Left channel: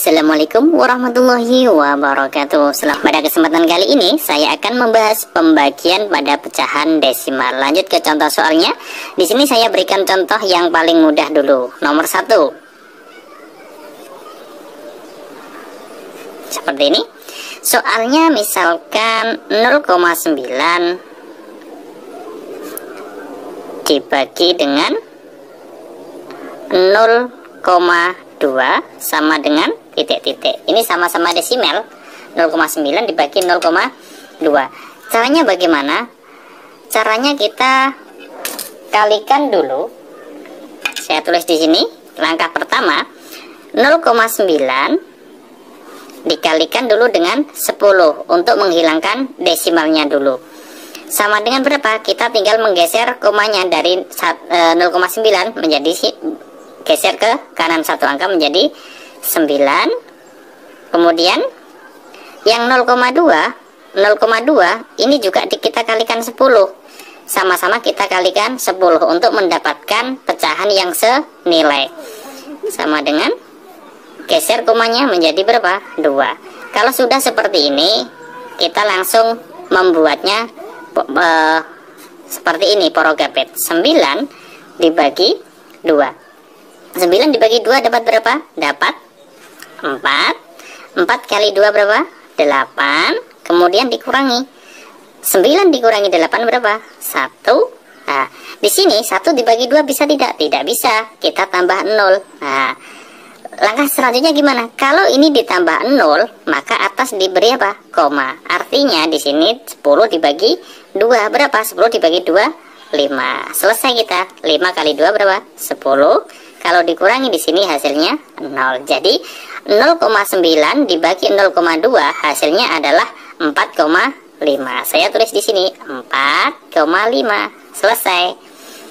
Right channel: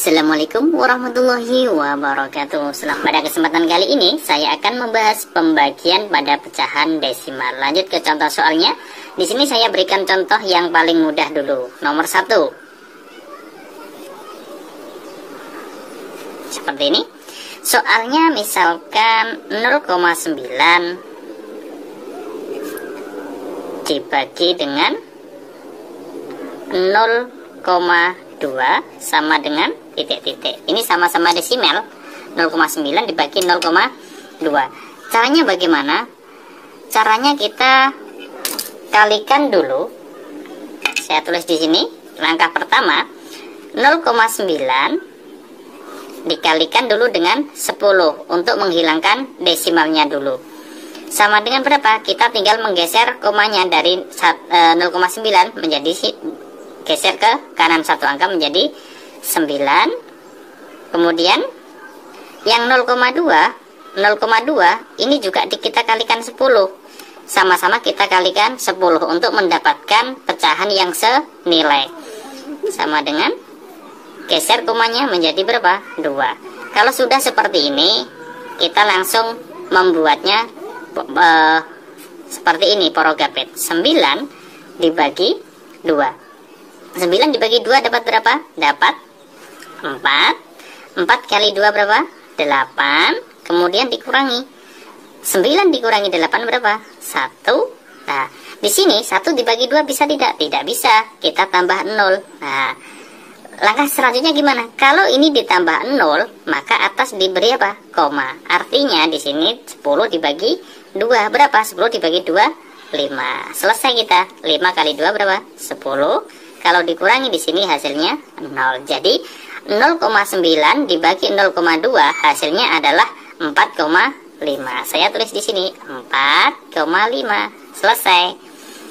Assalamualaikum warahmatullahi wabarakatuh. Pada kesempatan kali ini saya akan membahas pembagian pada pecahan desimal. Lanjut ke contoh soalnya. Di sini saya berikan contoh yang paling mudah dulu. Nomor 1. Seperti ini. Soalnya misalkan 0,9 dibagi dengan 0,2 sama dengan titik-titik. Ini sama-sama desimal. 0,9 dibagi 0,2. Caranya bagaimana? Caranya kita kalikan dulu. Saya tulis di sini. Langkah pertama, 0,9 dikalikan dulu dengan 10 untuk menghilangkan desimalnya dulu. Sama dengan berapa? Kita tinggal menggeser komanya dari 0,9 menjadi geser ke kanan satu angka menjadi 9. Kemudian yang 0,2 ini juga kita kalikan 10. Sama-sama kita kalikan 10 untuk mendapatkan pecahan yang senilai. Sama dengan geser komanya menjadi berapa? 2. Kalau sudah seperti ini, kita langsung membuatnya seperti ini, porogapet. 9 dibagi 2. 9 dibagi 2 dapat berapa? Dapat 4. 4 kali 2 berapa? 8. Kemudian dikurangi 9 dikurangi 8 berapa? 1. Nah, di sini 1 dibagi 2 bisa tidak? Tidak bisa. Kita tambah 0. Nah, langkah selanjutnya gimana? Kalau ini ditambah 0, maka atas diberi apa? Koma. Artinya di sini 10 dibagi 2 berapa? 10 dibagi 2 5. Selesai kita. 5 kali 2 berapa? 10. Kalau dikurangi di sini hasilnya 0. Jadi 0,9 dibagi 0,2 hasilnya adalah 4,5. Saya tulis di sini 4,5. Selesai.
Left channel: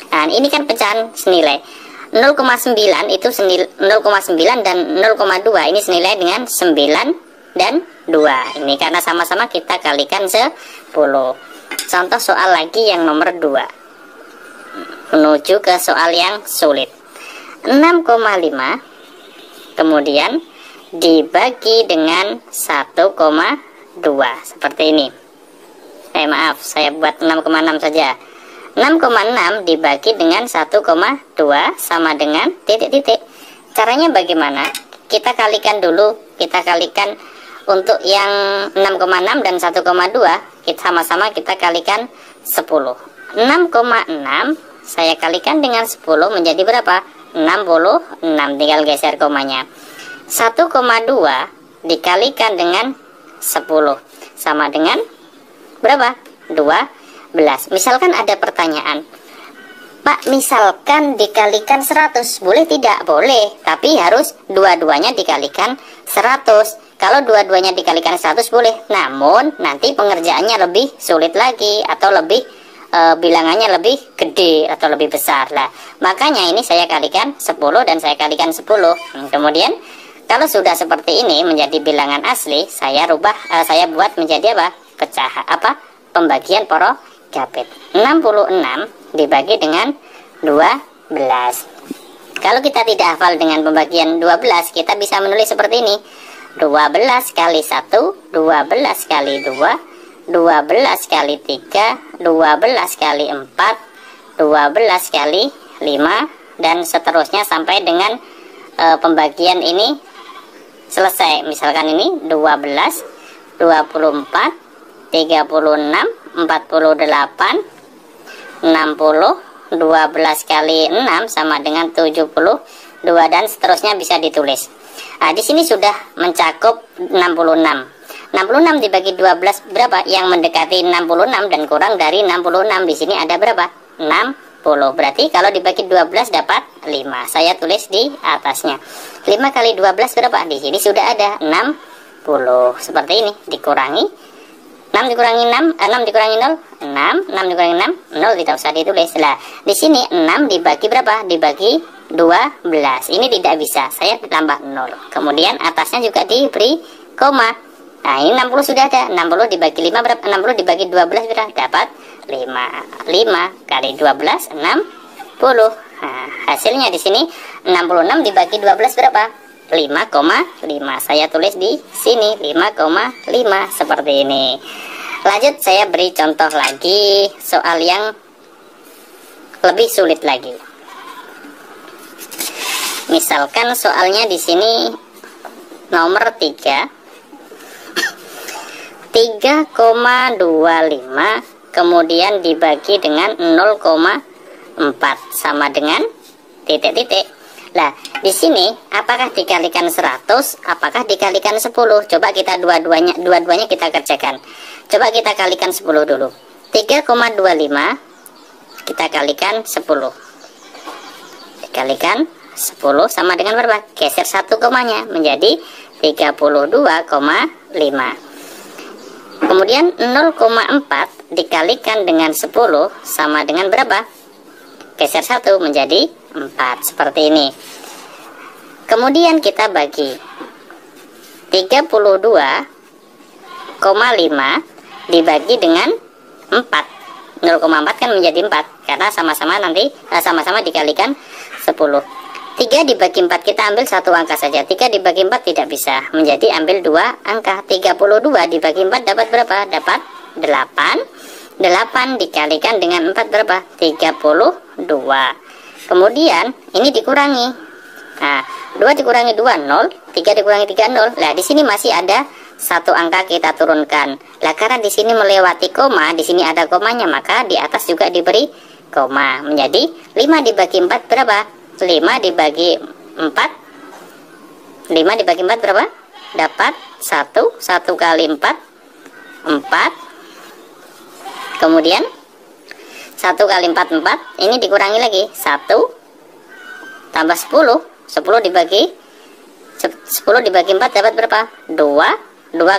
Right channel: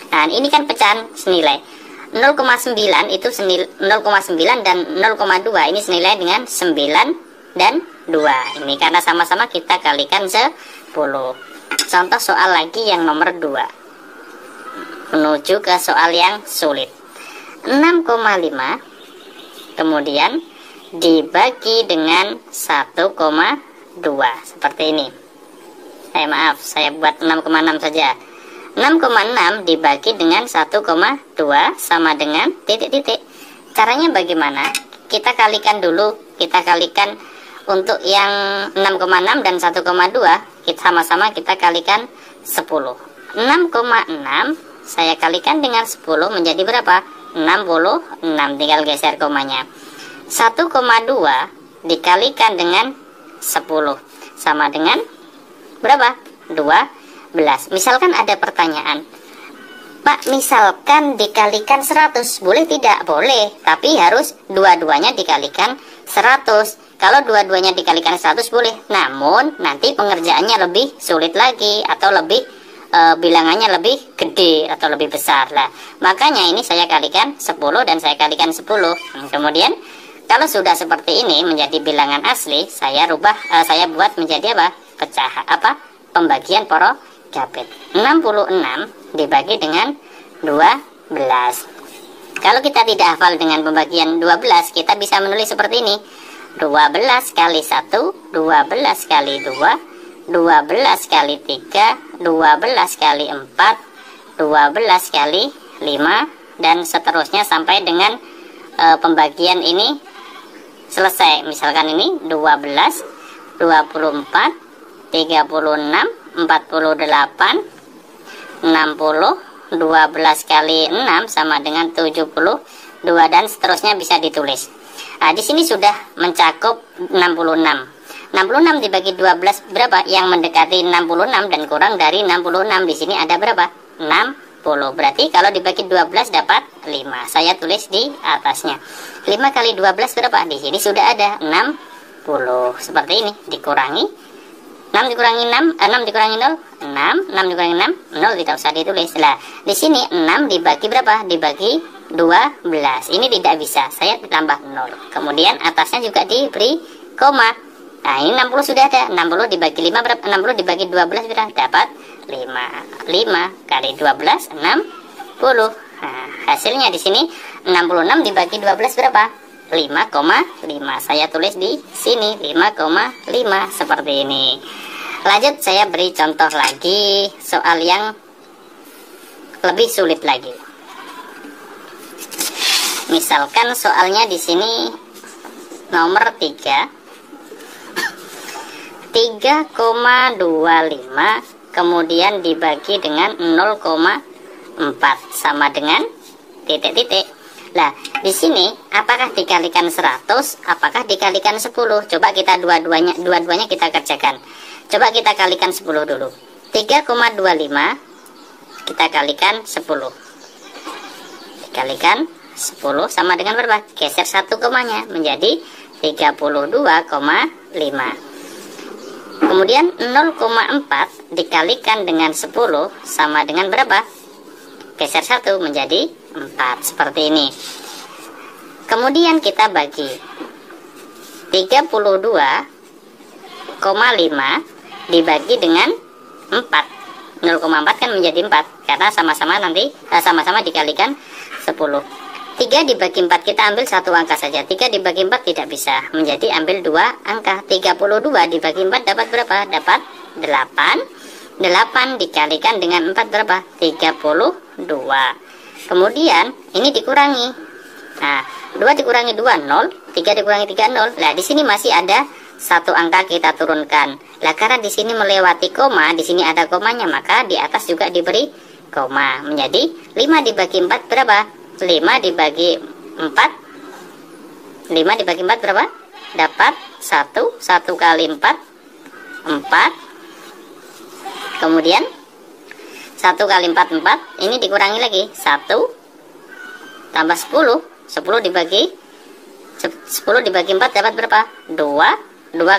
Nah, ini kan pecahan senilai. 0,9 itu 0,9 dan 0,2 ini senilai dengan 9 dan 2. Ini karena sama-sama kita kalikan 10. Contoh soal lagi yang nomor 2. Menuju ke soal yang sulit. 6,5 kemudian dibagi dengan 1,2 seperti ini. Maaf, saya buat 6,6 saja. 6,6 dibagi dengan 1,2 sama dengan titik-titik. Caranya bagaimana? Kita kalikan dulu. Kita kalikan untuk yang 6,6 dan 1,2 kita sama-sama kita kalikan 10. 6,6 saya kalikan dengan 10 menjadi berapa? 66. Tinggal geser komanya. 1,2 dikalikan dengan 10 sama dengan berapa? 12. Misalkan ada pertanyaan, Pak, misalkan dikalikan 100 boleh tidak? Boleh, tapi harus dua-duanya dikalikan 100. Kalau dua-duanya dikalikan 100 boleh, namun nanti pengerjaannya lebih sulit lagi atau lebih bilangannya lebih gede atau lebih besar lah. Makanya ini saya kalikan 10 dan saya kalikan 10. Kemudian kalau sudah seperti ini menjadi bilangan asli, saya buat menjadi apa? Pecahan pembagian porogapet. 66 dibagi dengan 12. Kalau kita tidak hafal dengan pembagian 12, kita bisa menulis seperti ini. 12 kali 1, 12 kali 2, 12 kali 3, 12 kali 4, 12 kali 5, dan seterusnya sampai dengan pembagian ini selesai. Misalkan ini 12, 24, 36, 48, 60, 12 kali 6 sama dengan 72, dan seterusnya bisa ditulis. Nah, di sini sudah mencakup 66. 66 dibagi 12 berapa? Yang mendekati 66 dan kurang dari 66. Di sini ada berapa? 60. Berarti kalau dibagi 12 dapat 5. Saya tulis di atasnya. 5 kali 12 berapa? Di sini sudah ada 60. Seperti ini. Dikurangi 6 dikurangi 6, 6 dikurangi 0, 6, 6 dikurangi 6, 0 tidak usah ditulis. Lah, di sini 6 dibagi berapa? Dibagi 12. Ini tidak bisa. Saya tambah 0. Kemudian atasnya juga diberi koma. Nah, ini 60 sudah ada. 60 dibagi 5 berapa? 60 dibagi 12 berapa? Dapat 5. 5 kali 12 60. Nah, hasilnya di sini 66 dibagi 12 berapa? 5,5. Saya tulis di sini 5,5 seperti ini. Lanjut, saya beri contoh lagi soal yang lebih sulit lagi. Misalkan soalnya di sini nomor 3. 3,25 kemudian dibagi dengan 0,4 sama dengan titik-titik. Nah, di sini apakah dikalikan 100, apakah dikalikan 10? Coba kita dua-duanya kita kerjakan. Coba kita kalikan 10 dulu. 3,25 kita kalikan 10. Dikalikan 10 sama dengan berapa? Geser 1 komanya menjadi 32,5. Kemudian 0,4 dikalikan dengan 10 sama dengan berapa? Geser 1 menjadi 4. Seperti ini. Kemudian kita bagi 32,5 dibagi dengan 4. 0,4 kan menjadi 4 karena sama-sama dikalikan 10. 3 dibagi 4 kita ambil satu angka saja. 3 dibagi 4 tidak bisa. Menjadi ambil 2 angka. 32 dibagi 4 dapat berapa? Dapat 8. 8 dikalikan dengan 4 berapa? 32. Kemudian ini dikurangi. Nah, 2 dikurangi 2 0, 3 dikurangi 3 0. Nah, di sini masih ada satu angka kita turunkan. Lah, karena di sini melewati koma, di sini ada komanya, maka di atas juga diberi koma. Menjadi 5 dibagi 4 berapa? 5 dibagi 4 berapa? Dapat 1 kali 4 kemudian 1 kali 4 ini dikurangi lagi 1 tambah 10 dibagi 4 dapat berapa? 2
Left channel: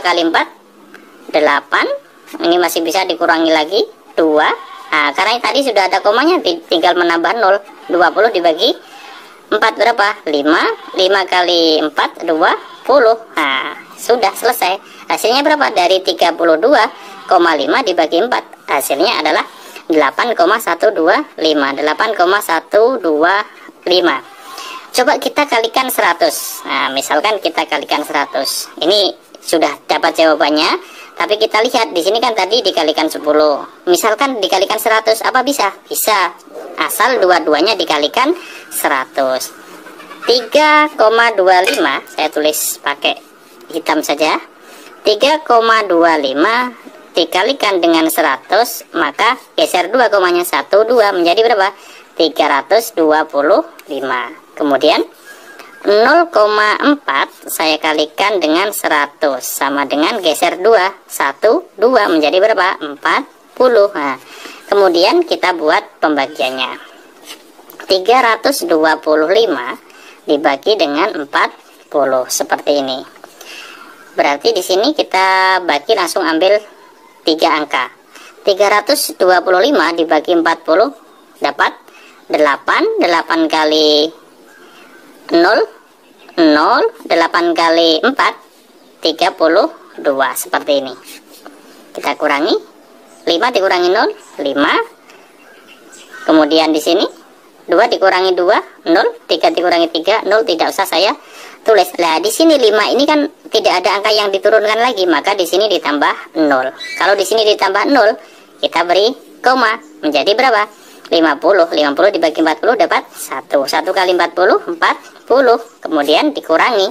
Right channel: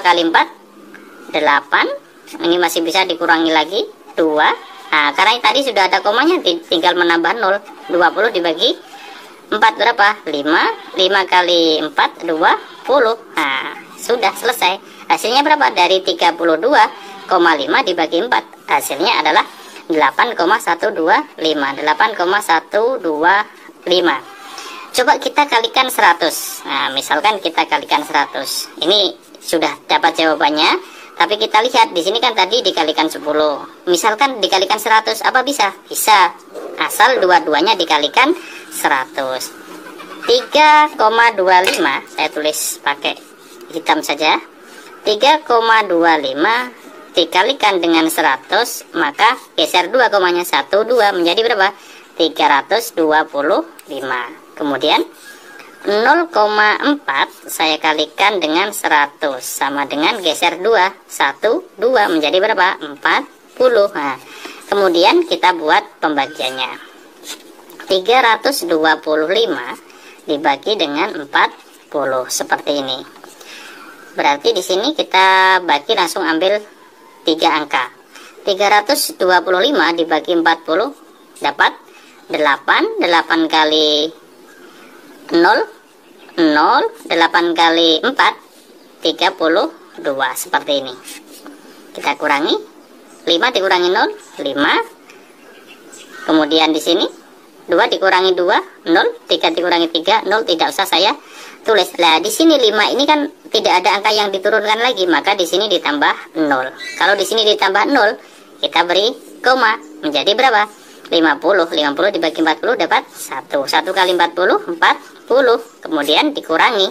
kali 4 8. Ini masih bisa dikurangi lagi 2. Nah, karena tadi sudah ada komanya, tinggal menambah 0. 20 dibagi 4 berapa? 5 kali 4 20. Nah, sudah selesai. Hasilnya berapa? Dari 32,5 dibagi 4, hasilnya adalah 8,125. Coba kita kalikan 100. Nah, misalkan kita kalikan 100. Ini sudah dapat jawabannya, tapi kita lihat di sini kan tadi dikalikan 10. Misalkan dikalikan 100, apa bisa? Bisa. Asal dua-duanya dikalikan 100. 3,25 saya tulis pakai hitam saja. 3,25 dikalikan dengan 100, maka geser 2 komanya 12 menjadi berapa? 325. Kemudian 0,4 saya kalikan dengan 100 sama dengan geser 2 menjadi berapa? 40. Nah, kemudian kita buat pembagiannya. 325 dibagi dengan 40 seperti ini. Berarti di sini kita bagi langsung ambil 3 angka. 325 dibagi 40 dapat 8. 8 kali 0, 8 kali 4, 32 seperti ini. Kita kurangi 5 dikurangi 0, 5. Kemudian di sini 2 dikurangi 2, 0. 3 dikurangi 3, 0. Tidak usah saya tulis. Nah, di sini 5 ini kan tidak ada angka yang diturunkan lagi, maka di sini ditambah 0. Kalau di sini ditambah 0, kita beri koma menjadi berapa? 50 dibagi 40 dapat 1 kali 40 kemudian dikurangi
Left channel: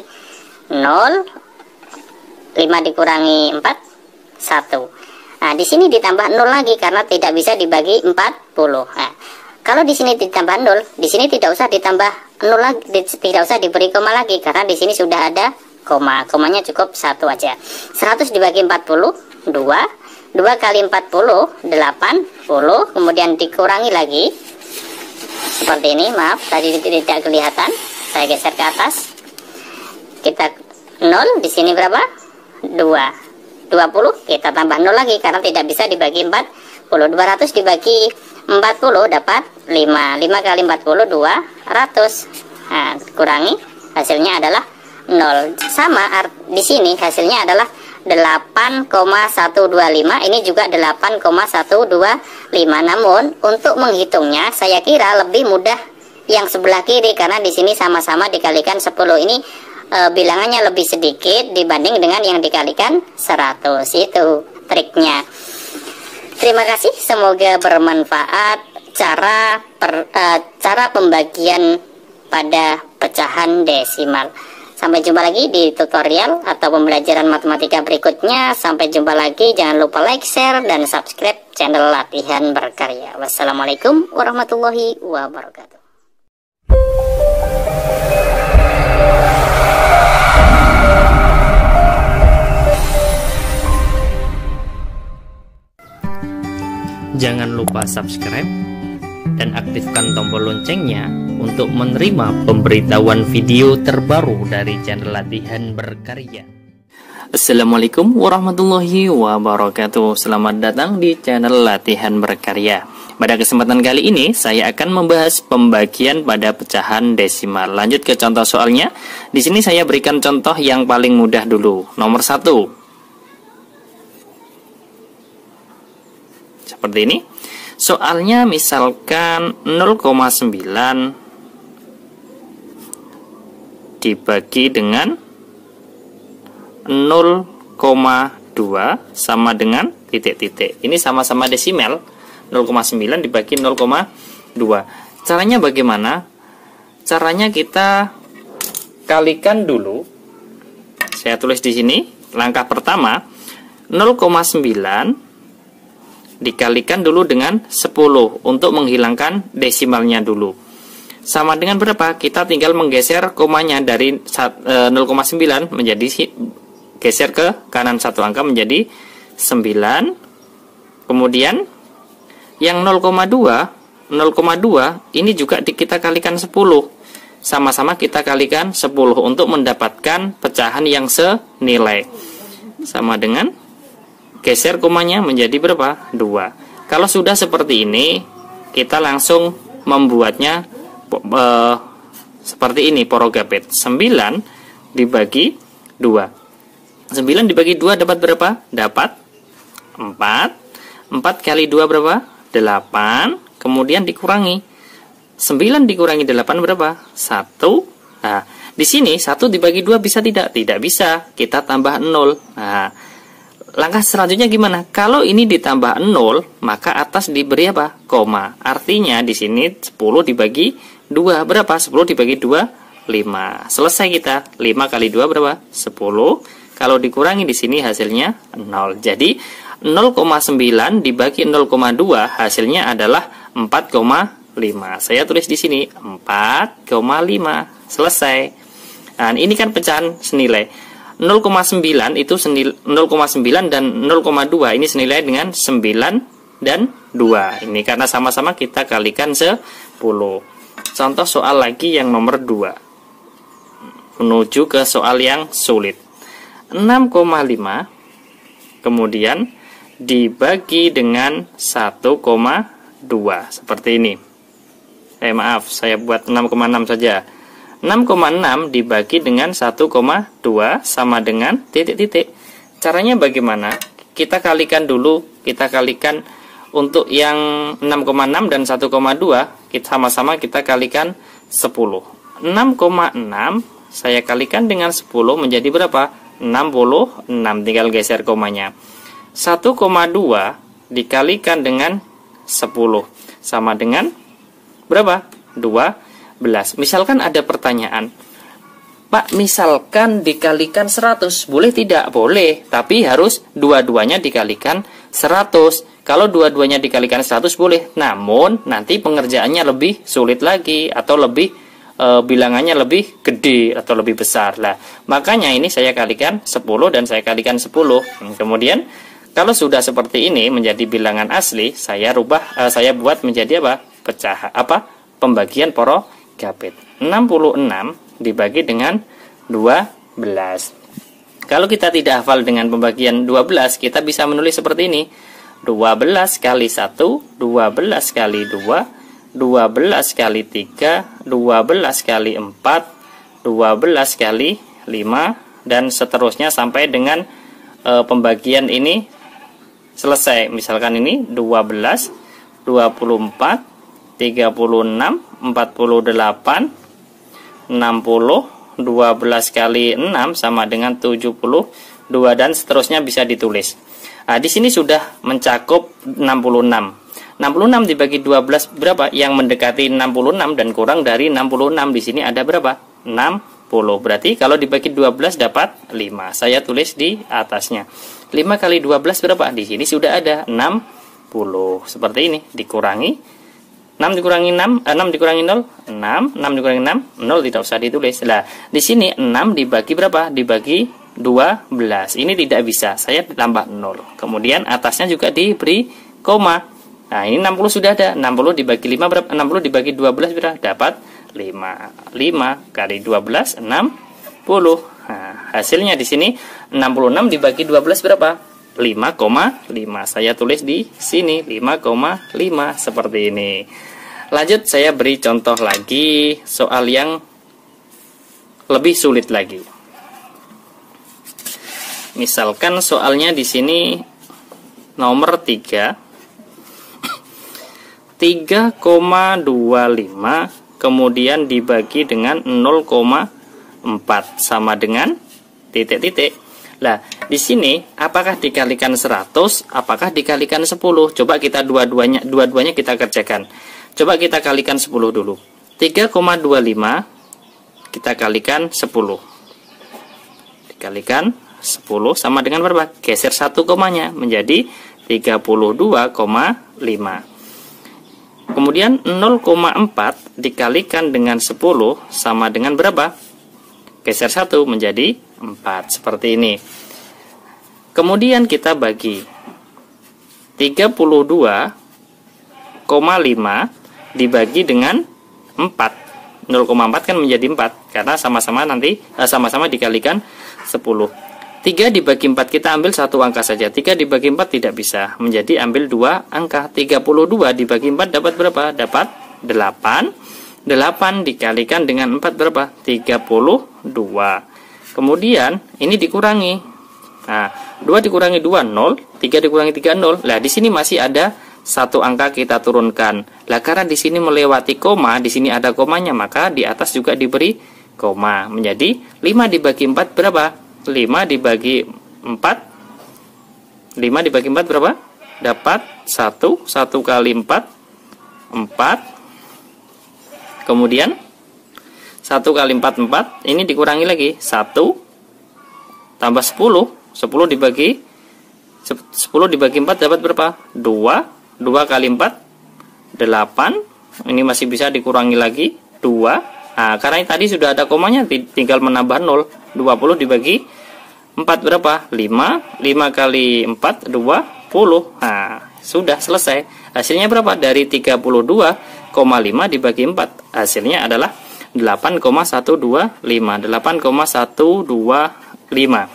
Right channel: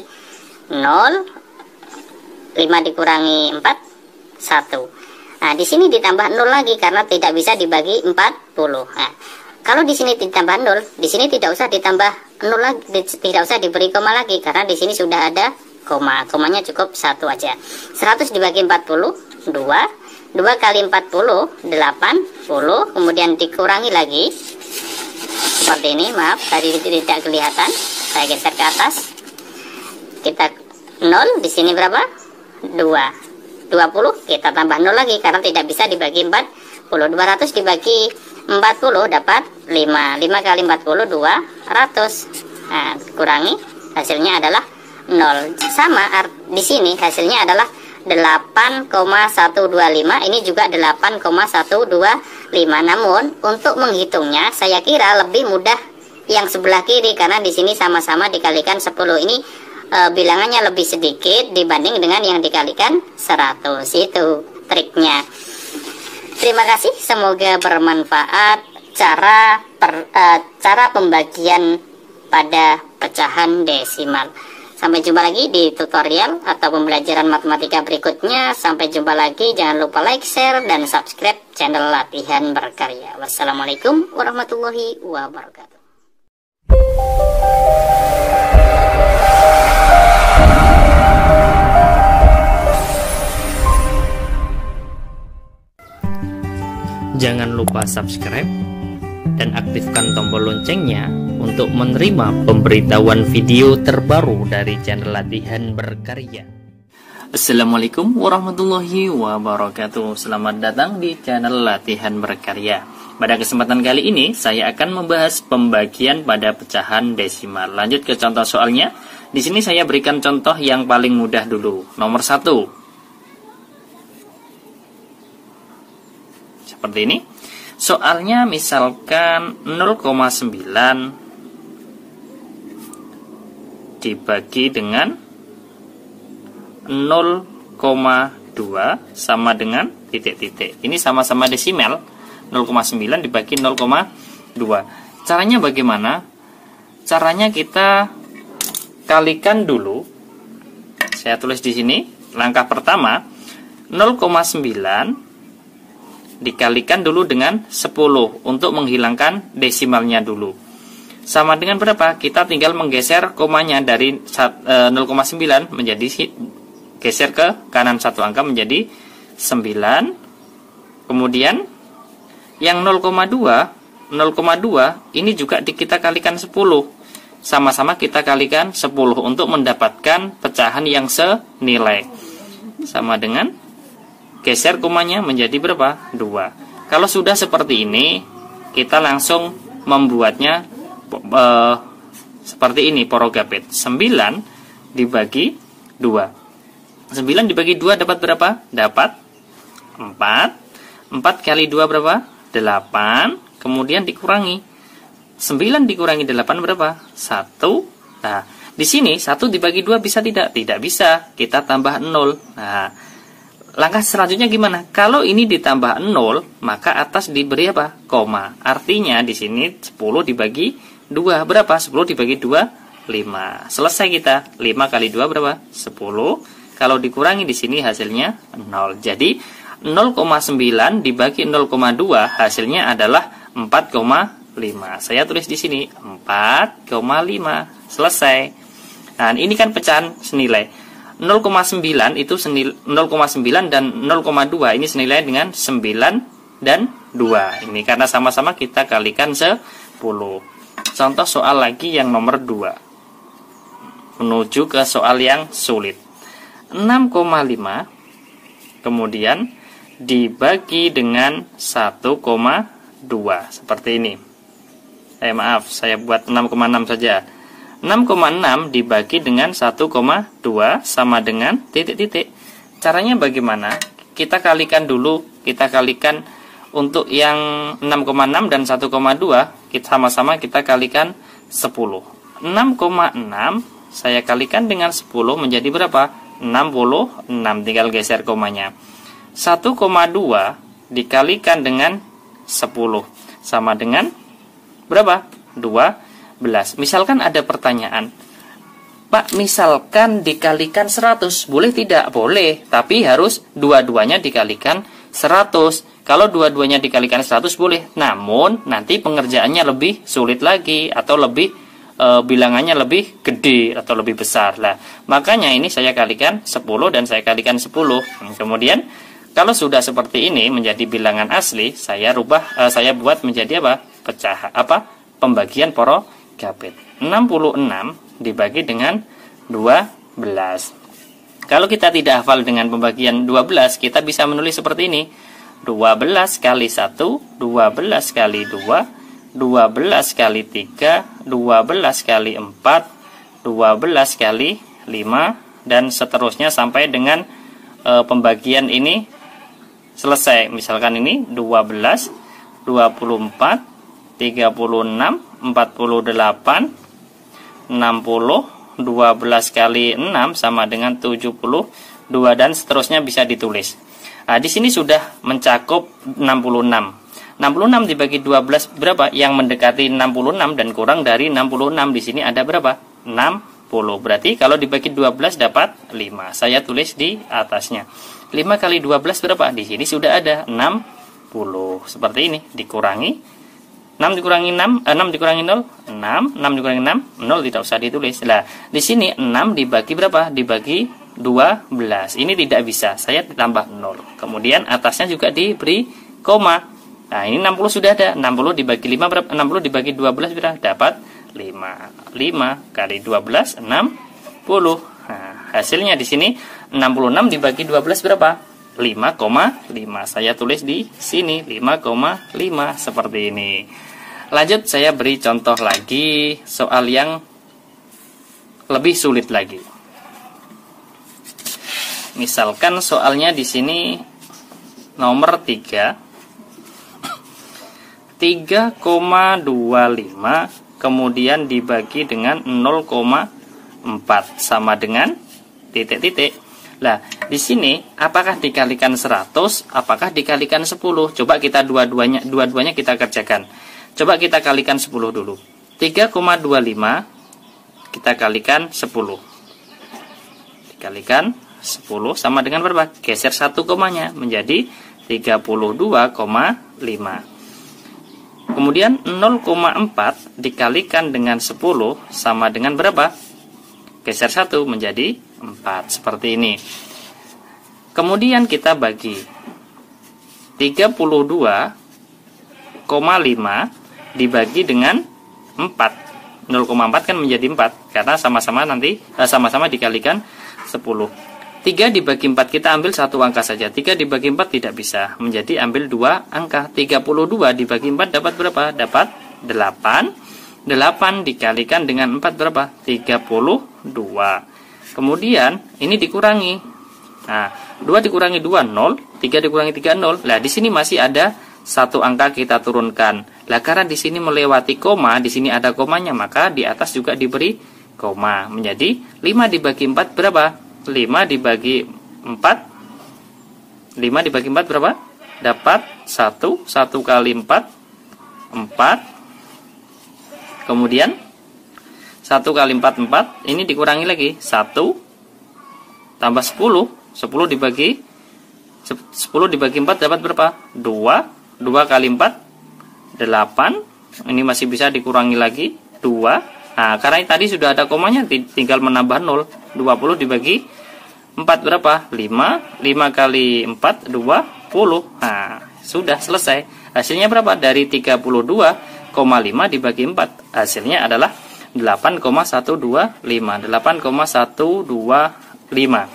0, 5 dikurangi 4 1. Nah, di sini ditambah 0 lagi karena tidak bisa dibagi 40. Nah, kalau di sini ditambah 0, di sini tidak usah ditambah 0 lagi, tidak usah diberi koma lagi karena di sini sudah ada koma. Komanya cukup 1 aja. 100 dibagi 40 2 kali 40 80, kemudian dikurangi lagi seperti ini. Maaf tadi tidak kelihatan, saya geser ke atas. Kita 0 di sini berapa? 20 kita tambah 0 lagi karena tidak bisa dibagi 40. 200 dibagi 40 dapat 5 kali 40 200. Nah, kurangi hasilnya adalah 0. Sama di sini hasilnya adalah 8,125. Ini juga 8,125. Namun untuk menghitungnya saya kira lebih mudah yang sebelah kiri karena di sini sama-sama dikalikan 10. Ini bilangannya lebih sedikit dibanding dengan yang dikalikan 100. Itu triknya. Terima kasih, semoga bermanfaat cara pembagian pada pecahan desimal. Sampai jumpa lagi di tutorial atau pembelajaran matematika berikutnya. Sampai jumpa lagi, jangan lupa like, share, dan subscribe channel Latihan Berkarya. Wassalamualaikum warahmatullahi wabarakatuh. Jangan lupa subscribe dan aktifkan tombol loncengnya untuk menerima pemberitahuan video terbaru dari channel Latihan Berkarya. Assalamualaikum warahmatullahi wabarakatuh. Selamat datang di channel Latihan Berkarya. Pada kesempatan kali ini saya akan membahas pembagian pada pecahan desimal. Lanjut ke contoh soalnya. Di sini saya berikan contoh yang paling mudah dulu. Nomor 1. Seperti ini. Soalnya misalkan 0,9 dibagi dengan 0,2 sama dengan titik-titik. Ini sama-sama desimal. 0,9 dibagi 0,2. Caranya bagaimana? Caranya kita kalikan dulu. Saya tulis di sini. Langkah pertama, 0,9 dikalikan dulu dengan 10 untuk menghilangkan desimalnya dulu. Sama dengan berapa? Kita tinggal menggeser komanya dari 0,9 menjadi geser ke kanan satu angka menjadi 9. Kemudian yang 0,2 ini juga kita kalikan 10. Sama-sama kita kalikan 10 untuk mendapatkan pecahan yang senilai. Sama dengan geser komanya menjadi berapa? 2. Kalau sudah seperti ini, kita langsung membuatnya seperti ini, porogapit. 9 dibagi 2. 9 dibagi 2 dapat berapa? Dapat 4. 4 kali 2 berapa? 8. Kemudian dikurangi. 9 dikurangi 8 berapa? 1. Nah, di sini 1 dibagi 2 bisa tidak? Tidak bisa. Kita tambah 0. Nah, langkah selanjutnya gimana? Kalau ini ditambah 0, maka atas diberi apa? Koma. Artinya di sini 10 dibagi 2 berapa? 10 dibagi 2, 5. Selesai kita. 5 kali 2 berapa? 10. Kalau dikurangi di sini hasilnya 0. Jadi 0,9 dibagi 0,2 hasilnya adalah 4,5. Saya tulis di sini 4,5. Selesai. Nah, ini kan pecahan senilai. 0,9 itu 0,9 dan 0,2 ini senilai dengan 9 dan 2. Ini karena sama-sama kita kalikan 10. Contoh soal lagi yang nomor 2. Menuju ke soal yang sulit. 6,5 kemudian dibagi dengan 1,2. Seperti ini. Maaf, saya buat 6,6 saja. 6,6 dibagi dengan 1,2 sama dengan titik-titik. Caranya bagaimana? Kita kalikan dulu. Kita kalikan untuk yang 6,6 dan 1,2. Sama-sama kita kalikan 10. 6,6 saya kalikan dengan 10 menjadi berapa? 66. Tinggal geser komanya. 1,2 dikalikan dengan 10 sama dengan berapa? 12. Misalkan ada pertanyaan, Pak, misalkan dikalikan 100, boleh tidak? Boleh, tapi harus dua-duanya dikalikan 100. Kalau dua-duanya dikalikan 100 boleh, namun nanti pengerjaannya lebih sulit lagi, atau lebih bilangannya lebih gede atau lebih besar. Lah, makanya ini saya kalikan 10 dan saya kalikan 10. Kemudian kalau sudah seperti ini menjadi bilangan asli, saya buat menjadi apa? Pembagian porogapit. 66 dibagi dengan 12. Kalau kita tidak hafal dengan pembagian 12, kita bisa menulis seperti ini. 12 kali 1, 12 kali 2, 12 kali 3, 12 kali 4, 12 kali 5, dan seterusnya sampai dengan pembagian ini selesai. Misalkan ini 12, 24, 36, 48, 60, 12 kali 6 sama dengan 72 dan seterusnya bisa ditulis. Nah, di sini sudah mencakup 66. 66 dibagi 12 berapa? Yang mendekati 66 dan kurang dari 66 di sini ada berapa? 60. Berarti kalau dibagi 12 dapat 5. Saya tulis di atasnya. 5 kali 12 berapa? Di sini sudah ada 60. Seperti ini, dikurangi 6 dikurangi 6, 6 dikurangi 0, 6, 6 dikurangi 6, 0 tidak usah ditulis. Lah, di sini 6 dibagi berapa? Dibagi 12. Ini tidak bisa, saya tambah 0. Kemudian atasnya juga diberi koma. Nah, ini 60 sudah ada. 60 dibagi 5 berapa? 60 dibagi 12 berapa? Dapat 5. 5 kali 12 60. Nah, hasilnya di sini 66 dibagi 12 berapa? 5,5. Saya tulis di sini 5,5 seperti ini. Lanjut, saya beri contoh lagi soal yang lebih sulit lagi. Misalkan soalnya di sini nomor 3. 3,25 kemudian dibagi dengan 0,4 sama dengan titik-titik. Nah, di sini apakah dikalikan 100, apakah dikalikan 10? Coba kita dua-duanya kita kerjakan. Coba kita kalikan 10 dulu. 3,25 kita kalikan 10. Dikalikan 10 sama dengan berapa? Geser 1 komanya menjadi 32,5. Kemudian 0,4 dikalikan dengan 10 sama dengan berapa? Geser 1 menjadi 4. Seperti ini. Kemudian kita bagi 32,5 dibagi dengan 4. 0,4 kan menjadi 4 karena sama-sama dikalikan 10. 3 dibagi 4 kita ambil satu angka saja. 3 dibagi 4 tidak bisa. Menjadi ambil 2 angka. 32 dibagi 4 dapat berapa? Dapat 8. 8 dikalikan dengan 4 berapa? 32. Kemudian ini dikurangi. Nah, 2 dikurangi 2 0, 3 dikurangi 3 0. Lah di sini masih ada satu angka kita turunkan. Lah karena di sini melewati koma, di sini ada komanya, maka di atas juga diberi koma. Menjadi 5 dibagi 4 berapa? 5 dibagi 4 5 dibagi 4 berapa? Dapat 1 1 kali 4 4. Kemudian 1 kali 4 4. Ini dikurangi lagi 1 tambah 10 10 dibagi 4 dapat berapa? 2 2 kali 4 8. Ini masih bisa dikurangi lagi 2. Nah, karena tadi sudah ada komanya, tinggal menambah 0. 20 dibagi 4 berapa? 5. 5 kali 4, 20. Nah, sudah selesai. Hasilnya berapa? Dari 32,5 dibagi 4. Hasilnya adalah 8,125. 8,125.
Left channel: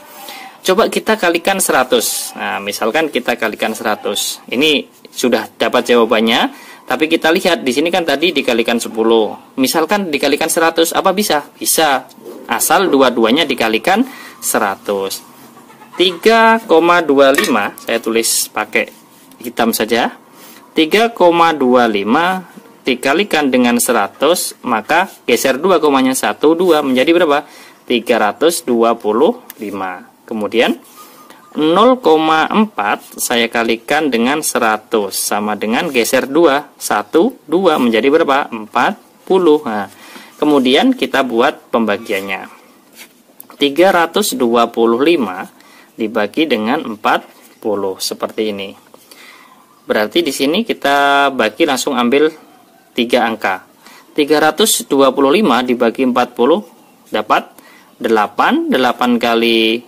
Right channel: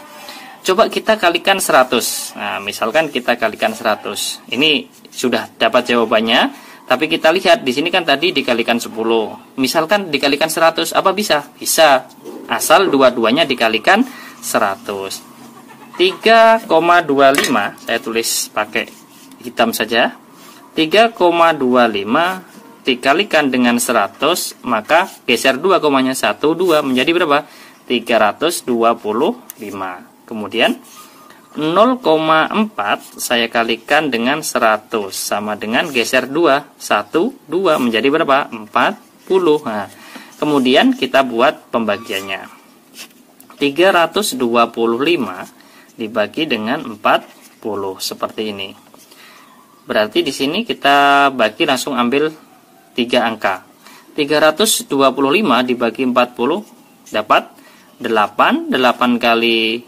Coba kita kalikan 100. Nah, misalkan kita kalikan 100. Ini sudah dapat jawabannya. Tapi kita lihat di sini kan tadi dikalikan 10. Misalkan dikalikan 100, apa bisa? Bisa. Asal dua-duanya dikalikan 100. 3,25 saya tulis pakai hitam saja. 3,25 dikalikan dengan 100, maka geser 2 komanya 1 2 menjadi berapa? 325. Kemudian 0,4 saya kalikan dengan 100 sama dengan geser 2 1 2 menjadi berapa? 40. Nah, kemudian kita buat pembagiannya. 325 dibagi dengan 40 seperti ini. Berarti di sini kita bagi langsung ambil 3 angka. 325 dibagi 40 dapat 8. 8 kali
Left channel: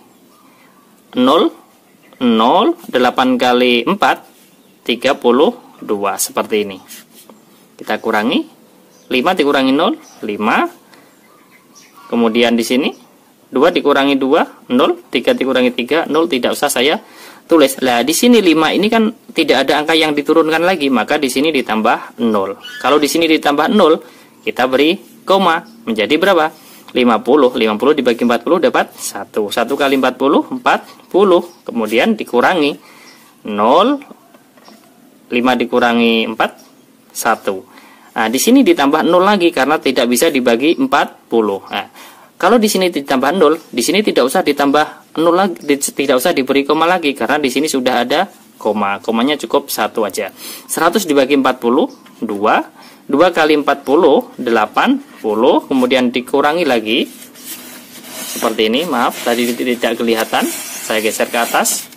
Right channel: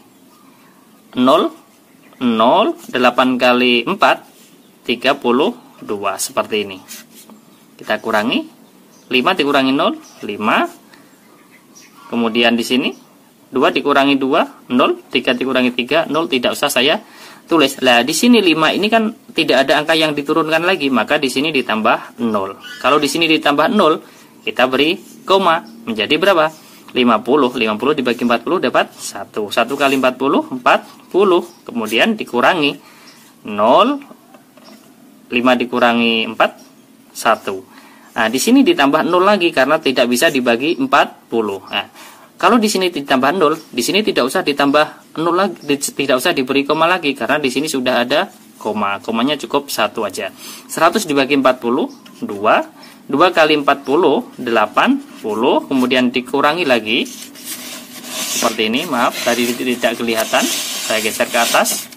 0 0, 8 kali 4 32 seperti ini. Kita kurangi 5 dikurangi 0 5. Kemudian di sini 2 dikurangi 2 0, 3 dikurangi 3 0, tidak usah saya tulis. Lah di sini 5 ini kan tidak ada angka yang diturunkan lagi, maka di sini ditambah 0. Kalau di sini ditambah 0, kita beri koma menjadi berapa? 50 dibagi 40 dapat 1 kali 40 40. Kemudian dikurangi 0, 5 dikurangi 4 1. Nah di sini ditambah 0 lagi karena tidak bisa dibagi 40. Nah Kalau di sini ditambah 0, di sini tidak usah ditambah 0 lagi, tidak usah diberi koma lagi karena di sini sudah ada koma. Komanya cukup 1 aja. 100 dibagi 40, 2. 2 kali 40, 80. Kemudian dikurangi lagi. Seperti ini, maaf tadi tidak kelihatan. Saya geser ke atas.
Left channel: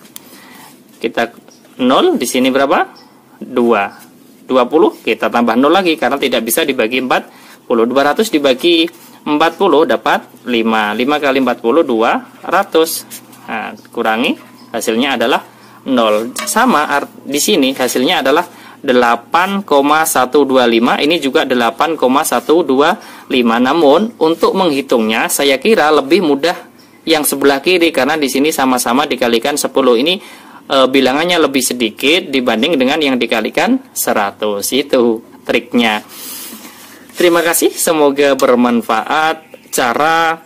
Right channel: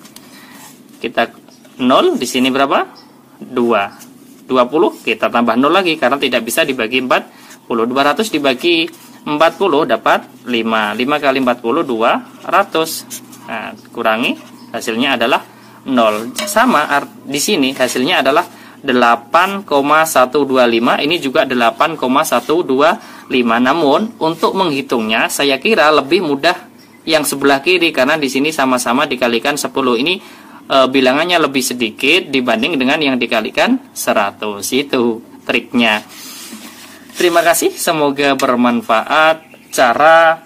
Kita 0, di sini berapa? 2. 20, kita tambah 0 lagi karena tidak bisa dibagi 40. 200 dibagi 40 dapat 5. 5 kali 40 200. Nah, kurangi, hasilnya adalah 0. Sama di sini hasilnya adalah 8,125. Ini juga 8,125. Namun untuk menghitungnya saya kira lebih mudah yang sebelah kiri karena di sini sama-sama dikalikan 10. Ini bilangannya lebih sedikit dibanding dengan yang dikalikan 100. Itu triknya. Terima kasih, semoga bermanfaat cara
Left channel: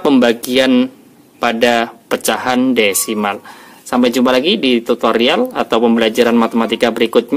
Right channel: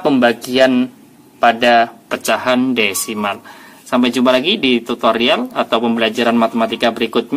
pembagian pada pecahan desimal. Sampai jumpa lagi di tutorial atau pembelajaran matematika berikutnya.